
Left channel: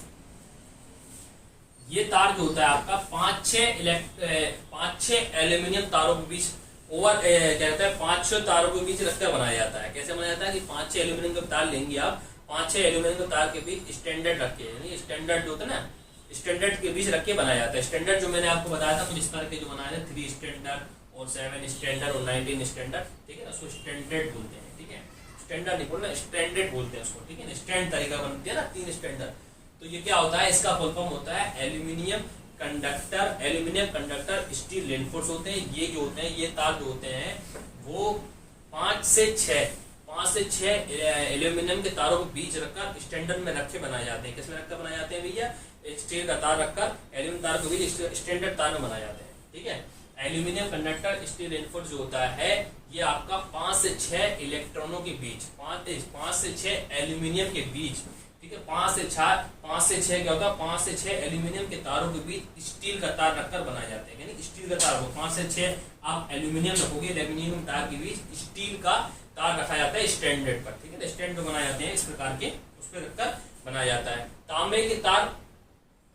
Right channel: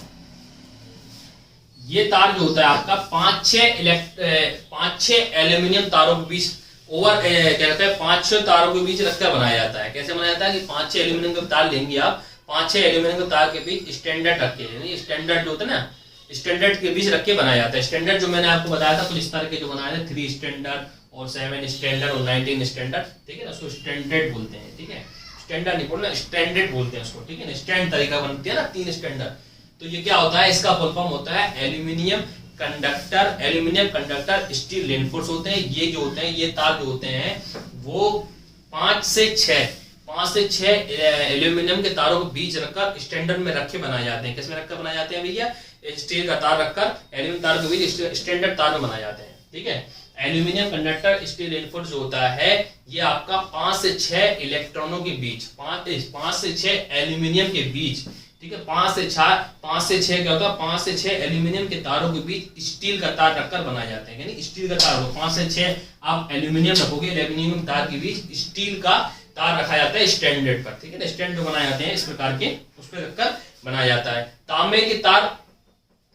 ये तार जो होता है आपका 5-6 एल्यूमिनियम तारों के बीच क्या कहते हैं, 5-6 तारों के बीच रखकर बनाया जाता है। कैसे बनाया जाता है कि 5-6 एल्यूमिनियम के तार लेंगे आप, 5-6 एल्यूमिनियम के तार के बीच स्टैंडर्ड रख के, यानी स्टैंडर्ड जो होता है ना, स्टैंडर्ड के बीच रख के बनाया जाता है। स्टैंडर्ड जो मैंने आपको बताया था कुछ इस तरह के जो बनाए थे, 3 स्टैंडर्ड और 7 स्टैंडर्ड और 19 स्टैंडर्ड, ठीक है ना, उसको स्टैंडर्ड बोलते हैं, ठीक है, स्टैंडर्ड नहीं बोलना, स्टैंडर्ड बोलते हैं उसको, ठीक है ना, स्टैंड तरीका बनती है ना 3 स्टैंडर्ड। तो ये क्या होता है, इसका फुल फॉर्म होता है एल्यूमिनियम कंडक्टर स्टील रेनफोर्स होते हैं। ये जो होते हैं, ये तार जो होते हैं वो 5 से 6 एल्यूमिनियम के तारों के बीच रखकर स्टैंडर्ड में रखे बनाए जाते हैं। किसमें रखकर बनाए जाते हैं भैया, स्टील का तार रखकर एल्यूमिनियम तार के बीच स्टैंडर्ड तार में बनाए जाते हैं, ठीक है। एल्यूमिनियम कंडक्टर स्टील रेनफोर्स जो होता है, ये आपका 5 से 6 इलेक्ट्रॉनों के बीच, 5 से 6 एल्यूमिनियम के बीच, ठीक है, 5 से 6 क्या होता है, 5 से 6 एल्यूमिनियम के तारों के बीच स्टील का तार रखकर बनाए जाते हैं। यानी स्टील का तार हो, 5 से 6 आप एल्यूमिनियम रखोगे, एल्यूमिनियम तार के बीच स्टील का तार रखा जाता है स्टैंडर्ड पर, ठीक है ना, स्टैंड जो बनाए जाते हैं इस प्रकार के, उस पर रखकर बनाया जाता है। तांबे के तार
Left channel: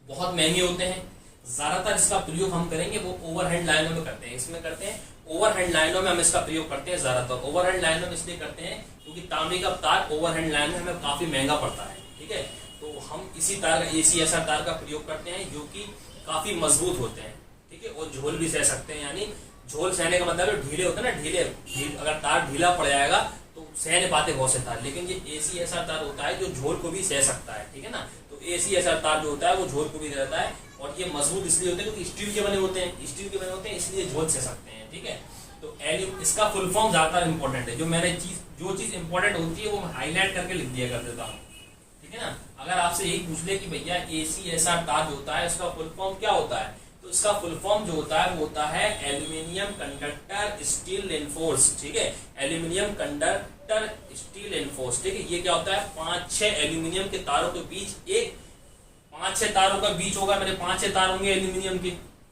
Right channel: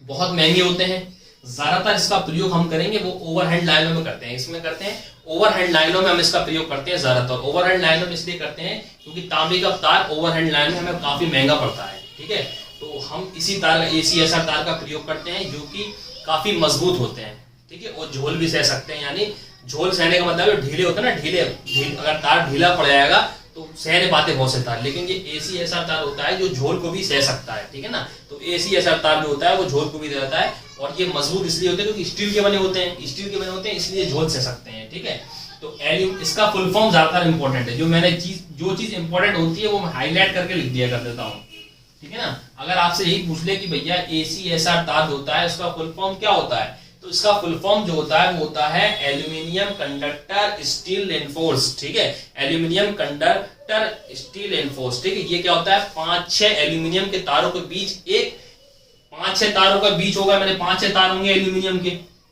बहुत महंगे होते हैं, ज्यादातर इसका प्रयोग हम करेंगे वो ओवरहेड लाइनों में करते हैं, इसमें करते हैं ओवरहेड लाइनों में हम इसका प्रयोग करते हैं ज्यादातर। ओवरहेड लाइनों में इसलिए करते हैं क्योंकि तांबे का तार ओवरहेड लाइन में हमें काफी महंगा पड़ता है, ठीक है, तो हम इसी तार का ACSR तार का प्रयोग करते हैं, जो कि काफी मजबूत होते हैं, ठीक है, और झोल भी सह सकते हैं। यानी झोल सहने का मतलब ढीले होते हैं ना, ढीले अगर तार ढीला पड़ जाएगा तो सह नहीं पाते बहुत से तार, लेकिन ये ACSR तार होता है जो झोल को भी सह सकता है, ठीक है ना। तो ACSR तार जो होता है वो झोल को भी दे देता है, और ये मजबूत इसलिए होते हैं क्योंकि स्टील के बने होते हैं, इसलिए झोल सह सकते हैं, ठीक है। तो इसका फुल फॉर्म ज्यादातर इंपॉर्टेंट है, जो चीज इंपॉर्टेंट होती है वो मैं हाईलाइट करके लिख दिया कर देता हूँ, ठीक है ना। अगर आपसे यही पूछ ले कि भैया ACSR तार होता है उसका फुल फॉर्म क्या होता है, तो इसका फुल फॉर्म जो होता है वो होता है एल्यूमिनियम कंडक्टर स्टील रेनफोर्स, ठीक है, एल्यूमिनियम कंडक्टर स्टील रेनफोर्स, ठीक है। ये क्या होता है, 5-6 एल्यूमिनियम के तारों के बीच 5-6 तारों का बीच होगा, मैंने 5-6 तार होंगे एल्यूमिनियम के,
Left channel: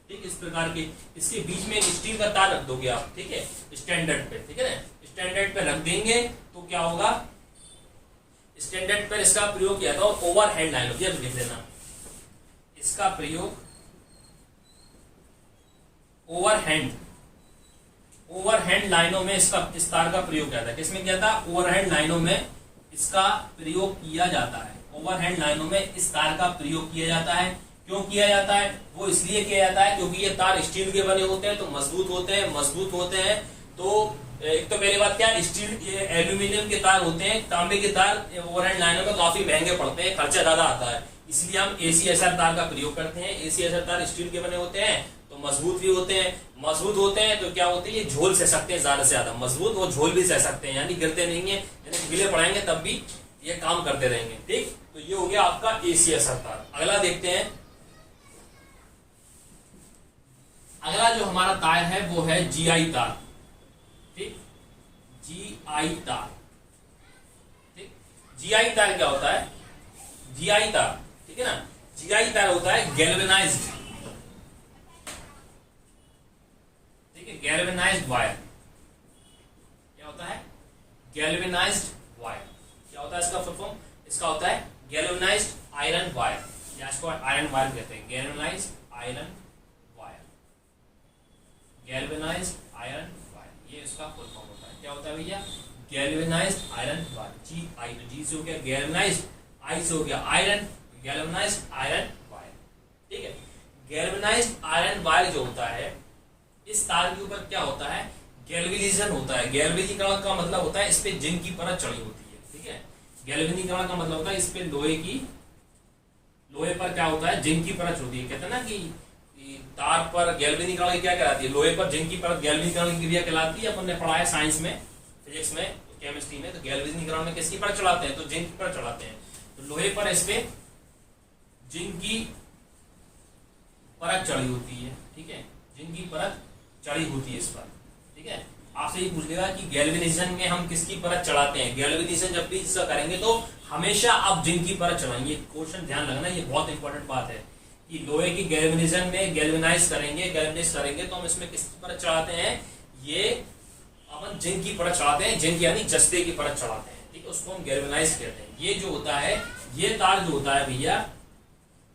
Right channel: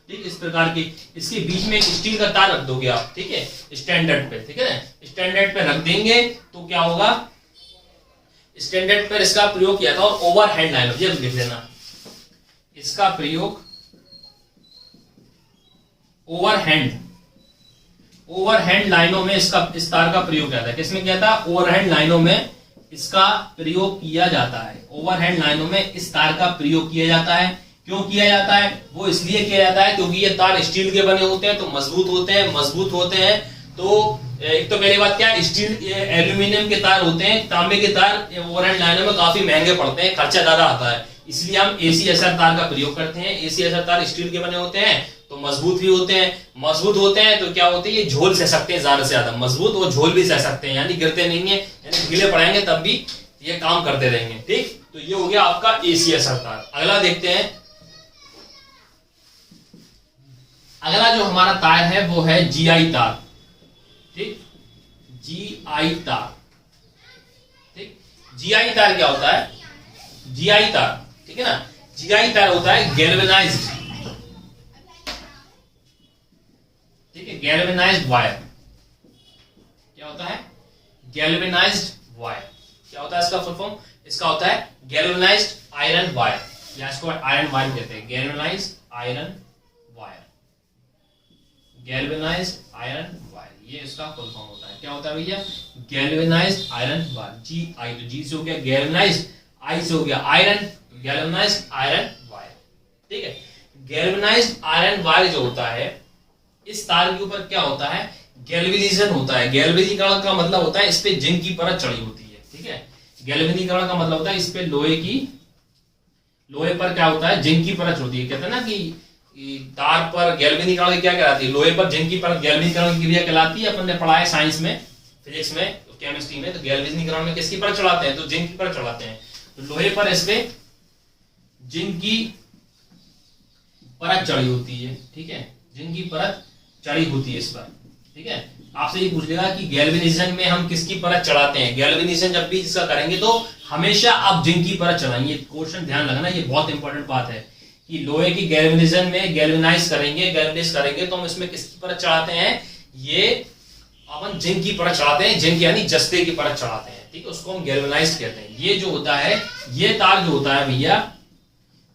ठीक, इस प्रकार के, इसके बीच में एक स्टील का तार रख दोगे आप, ठीक है, स्टैंडर्ड पे, ठीक है ना, स्टैंडर्ड पे रख देंगे तो क्या होगा, स्टैंडर्ड पर इसका प्रयोग किया था। और ओवरहेड लाइन ये लिख लेना, इसका प्रयोग ओवरहेड लाइनों में इस तार का प्रयोग किया था। किसमें किया था, ओवरहेड लाइनों में इसका प्रयोग किया जाता है, ओवरहेड लाइनों में इस तार का प्रयोग किया जाता है। क्यों किया जाता है, वो इसलिए किया जाता है क्योंकि ये तार स्टील के बने होते हैं, तो मजबूत होते हैं, तो एक तो पहली बात क्या है, स्टील एल्यूमिनियम के तार होते हैं, तांबे के तार ओवरहेड लाइनों में काफी महंगे पड़ते हैं, खर्चा ज्यादा आता है, इसलिए हम ACSR तार का प्रयोग करते हैं। ACSR तार स्टील के बने होते हैं तो मजबूत भी होते हैं, तो क्या होते हैं, ये झोल सह सकते हैं, ज्यादा से ज्यादा मजबूत और झोल भी सह सकते हैं, यानी गिरते नहीं है, यानी ढीले पड़ेंगे तब भी ये काम करते रहेंगे, ठीक। तो ये हो गया आपका ACSR तार। अगला देखते हैं, अगला जो हमारा तार है वो है GI तार, ठीक, GI तार, ठीक। GI तार क्या होता है, GI तार, ठीक है ना, GI तार होता है गैल्वेनाइज्ड, ठीक है, गैल्वेनाइज्ड वायर। क्या होता है, गैल्वेनाइज्ड वायर। क्या होता है इसका फुल फॉर्म, इसका होता है गैल्वेनाइज्ड आयरन वायर, या इसको आयरन वायर कहते हैं, galvanised iron wire, galvanised iron wire, ये इसका फुल फॉर्म होता है। क्या होता है भैया, गैल्वेनाइज्ड आयरन वायर, GI, तो G से हो गया गैल्वेनाइज्ड, I से हो गया आयरन, गैल्वेनाइज्ड आयरन वायर, ठीक है। गैल्वेनाइज्ड आयरन वायर जो होता है, इस तार के ऊपर क्या होता है, गैल्वेनाइजेशन होता है। गैल्वेनीकरण का मतलब होता है इस पे जिंक की परत चढ़ी होती है, ठीक है। गैल्वेनीकरण का मतलब होता है इस पे लोहे पर क्या होता है, जिंक की परत होती है। कहते हैं ना कि कि तार पर गैल्वेनीकरण की क्या कहलाती है, लोहे पर जिंक की परत गैल्वेनीकरण की क्रिया कहलाती है। अपन ने पढ़ा है साइंस में, फिजिक्स में, केमिस्ट्री में, तो गैल्वेनीकरण में किसकी परत चढ़ाते हैं, तो जिंक की परत चढ़ाते हैं। तो लोहे पर इस पे जिंक की परत चढ़ी होती है, ठीक है, जिंक की परत चढ़ी होती है इस पर, ठीक है। आपसे ये पूछेगा कि गैल्वेनाइजेशन में हम किसकी परत चढ़ाते हैं, गैल्वेनाइजेशन जब भी इसका करेंगे तो हमेशा आप जिंक की परत चढ़ाएंगे। क्वेश्चन ध्यान रखना, ये बहुत इंपॉर्टेंट बात है कि लोहे की गैल्वेनाइजेशन में गैल्वेनाइज करेंगे तो हम इसमें किसकी परत चढ़ाते हैं, ये अपन जिंक की परत चढ़ाते हैं, जिंक यानी जस्ते की परत चढ़ाते हैं, ठीक है, उसको हम गैल्वेनाइज कहते हैं। ये जो होता है, ये तार जो होता है भैया,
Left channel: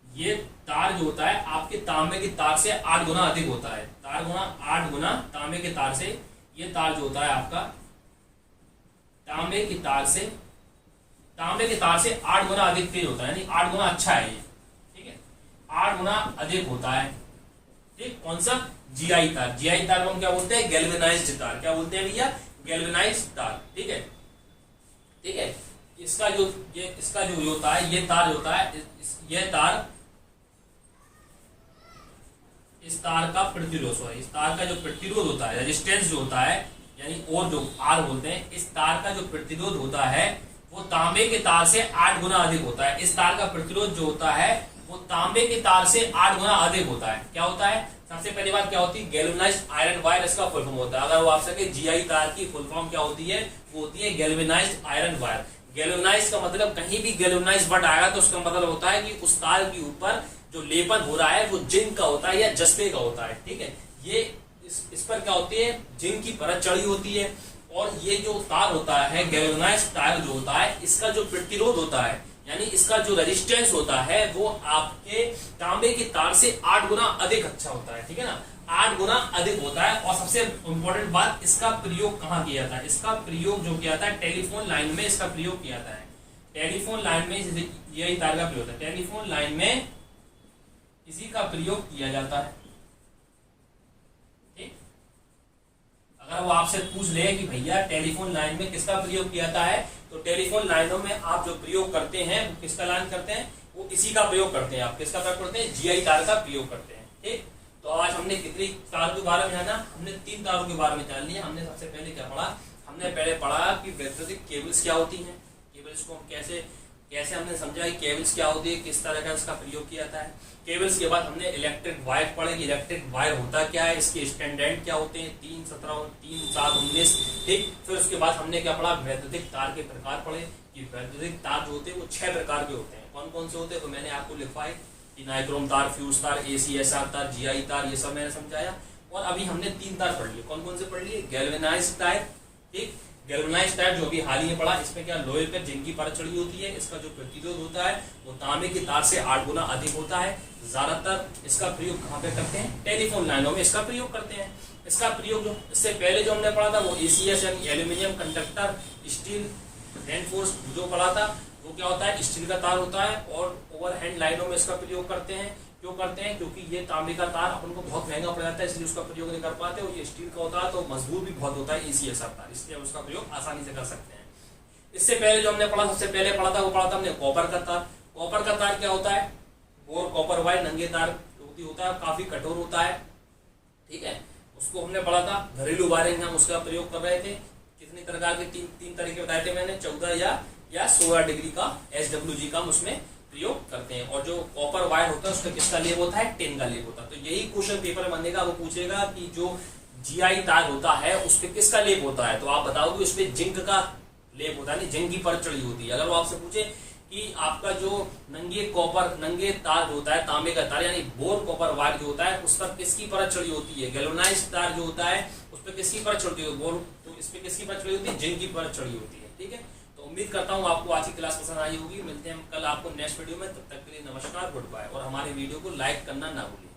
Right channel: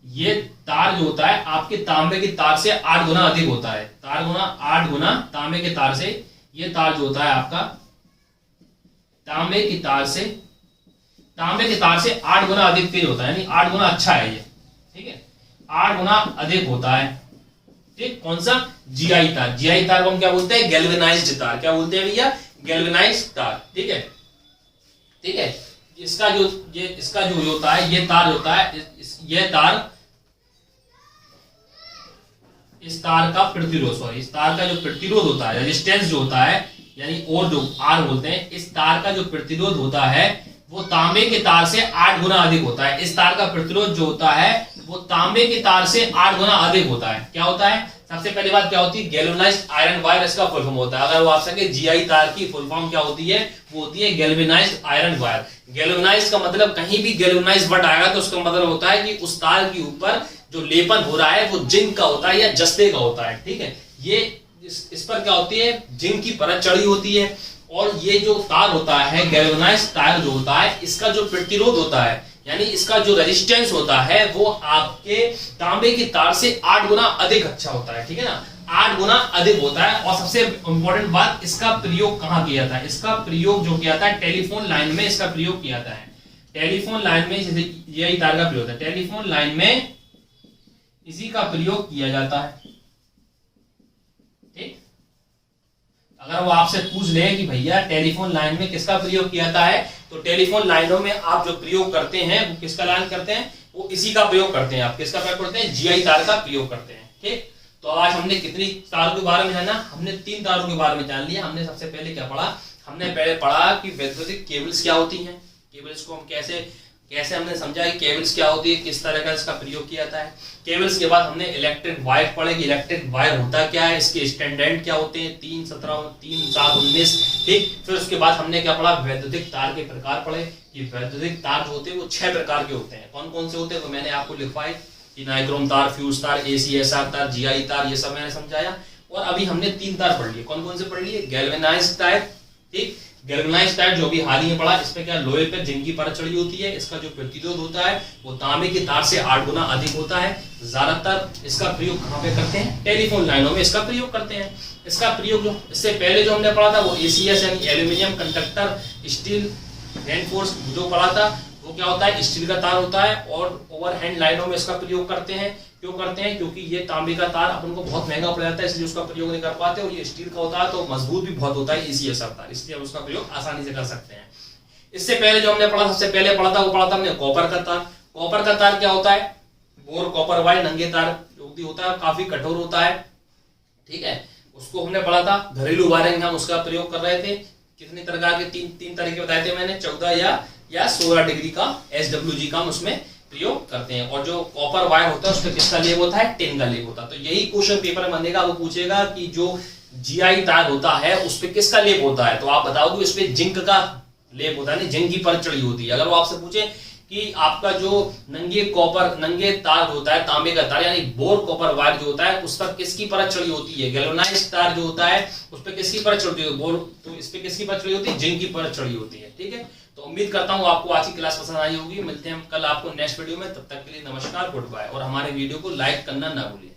ये तार जो होता है आपके तांबे की तार से 8 गुना अधिक होता है, 8 गुना तांबे के तार से, ये तार जो होता है आपका तांबे की तार से 8 गुना अधिक तेज होता है, यानी 8 गुना अच्छा है ये, ठीक है, 8 गुना अधिक होता है, ठीक। कौन सा, जीआई तार, जीआई तार को हम क्या बोलते हैं, गैल्वेनाइज्ड तार, क्या बोलते हैं भैया, गैल्वेनाइज्ड तार, ठीक है, ठीक है। इसका जो होता है, ये तार होता है, ये तार, इस तार का प्रतिरोध, इस तार का जो प्रतिरोध होता है, रेजिस्टेंस जो होता है, यानी और जो आर बोलते हैं, इस तार का जो प्रतिरोध होता है वो तांबे के तार से 8 गुना अधिक होता है। इस तार का प्रतिरोध जो होता है वो तांबे के तार से 8 गुना अधिक होता है। क्या होता है, सबसे पहली बात क्या होती है, गैल्वेनाइज्ड आयरन वायर, इसका फुल फॉर्म होता है। अगर वो आप सके जीआई तार की फुल फॉर्म क्या होती है, वो होती है गैल्वेनाइज्ड आयरन वायर। गैल्वेनाइज्ड का मतलब, कहीं भी गैल्वेनाइज्ड वर्ड आएगा तो उसका मतलब होता है कि उस तार के ऊपर जो लेपन हो रहा है वो जिंक का होता है या जस्ते का होता है, ठीक है। ये इस पर क्या होती है, जिंक की परत चढ़ी होती है। और ये जो तार होता है, गैल्वेनाइज्ड तार जो होता है, इसका जो प्रतिरोध होता है, यानी इसका जो रेजिस्टेंस होता है, वो आपके तांबे की तार से 8 गुना अधिक अच्छा होता है, ठीक है ना, 8 गुना अधिक होता है। और सबसे इंपॉर्टेंट बात, इसका प्रयोग कहाँ किया जाता है, इसका प्रयोग जो किया जाता है टेलीफोन लाइन में, इसका प्रयोग किया जाता है टेलीफोन लाइन में, यही तार का प्रयोग होता है टेलीफोन लाइन में, इसी का प्रयोग किया जाता है, ठीक। अगर वो आपसे पूछ ले कि भैया टेलीफोन लाइन में किसका प्रयोग किया जाता है, तो टेलीफोन लाइनों में आप जो प्रयोग करते हैं वो किसका लाइन करते हैं, वो इसी का प्रयोग करते हैं। आप किसका प्रयोग करते हैं, जीआई तार का प्रयोग करते हैं, ठीक। तो आज हमने कितनी तारों के बारे में है ना, हमने 3 तारों के बारे में जान लिया। हमने सबसे पहले क्या पढ़ा, हमने पहले पढ़ा कि वैद्युतिक केबल्स क्या होती हैं, केबल्स को हम कैसे हमने समझा कि केबल्स क्या होती है, किस तरह का इसका प्रयोग किया जाता है। केबल्स के बाद हमने इलेक्ट्रिक वायर पढ़े कि इलेक्ट्रिक वायर होता क्या है, इसके स्टैंडर्ड क्या होते हैं, 3, 17, 3, 7, 19, ठीक। फिर उसके बाद हमने क्या पढ़ा, वैद्युतिक तार के प्रकार पढ़े कि वैद्युतिक तार जो होते हैं वो 6 प्रकार के होते हैं। कौन कौन से होते हैं, तो मैंने आपको लिखवाए कि नाइक्रोम तार, फ्यूज तार, ACSR तार, जीआई तार, ये सब मैंने समझाया। और अभी हमने 3 तार पढ़ लिए। कौन कौन से पढ़ लिए, गैल्वेनाइज्ड तार, ठीक, गैल्वेनाइज्ड तार जो भी हाल ही में पढ़ा, इसमें क्या लोहे पर जिंक की परत चढ़ी होती है, इसका जो प्रतिरोध होता है वो तांबे की तार से 8 गुना अधिक होता है। ज्यादातर इसका प्रयोग कहाँ पे करते हैं, टेलीफोन लाइनों में इसका प्रयोग करते हैं। इसका प्रयोग जो इससे पहले जो हमने पढ़ा था वो ACS यानी एल्यूमिनियम कंडक्टर स्टील रेनफोर्स जो पढ़ा था, वो क्या होता है, स्टील का तार होता है। और ओवरहेड लाइनों में इसका प्रयोग करते हैं। क्यों करते हैं, क्योंकि ये तांबे का तार अपन को बहुत महंगा पड़ जाता है, इसलिए उसका प्रयोग नहीं कर पाते। और ये स्टील का होता है तो मजबूत भी बहुत होता है, ACSR तार, इसलिए उसका प्रयोग आसानी से कर सकते हैं। इससे पहले जो हमने पढ़ा, सबसे पहले पढ़ा था वो पढ़ा था हमने कॉपर का तार। कॉपर का तार क्या होता है, बोर कॉपर वायर नंगे तार जो होता है, काफी कठोर होता है, ठीक है। उसको हमने पढ़ा था। घरेलू वायरिंग हम उसका प्रयोग कर रहे थे। कितनी प्रकार के तीन तरीके बताए थे मैंने, 14 या 16 डिग्री का SWG का हम उसमें प्रयोग करते हैं। और जो कॉपर वायर होता है उसमें किसका लेप होता है, टिन का लेप होता है। तो यही क्वेश्चन पेपर में बनेगा, वो पूछेगा कि जो जीआई तार होता है उस पर किसका लेप होता है, तो आप बताओगे इसमें जिंक का लेप होता है, नहीं जिंक की परत चढ़ी होती है। अगर वो आपसे पूछे कि आपका जो नंगे तार होता है, तांबे का तार यानी बोर कॉपर वायर जो होता है, उस पर किसकी परत चढ़ी होती है, गैल्वेनाइज्ड तार जो होता है उस पर किसकी परत चढ़ती है, बोर, तो इस पर किसकी परत चढ़ी होती है, जिंक की परत चढ़ी होती है, ठीक है। तो उम्मीद करता हूँ आपको आज की क्लास पसंद आई होगी। मिलते हैं हम कल आपको नेक्स्ट वीडियो में, तब तक के लिए नमस्कार, गुड बाय। और हमारे वीडियो को लाइक करना ना भूलिए।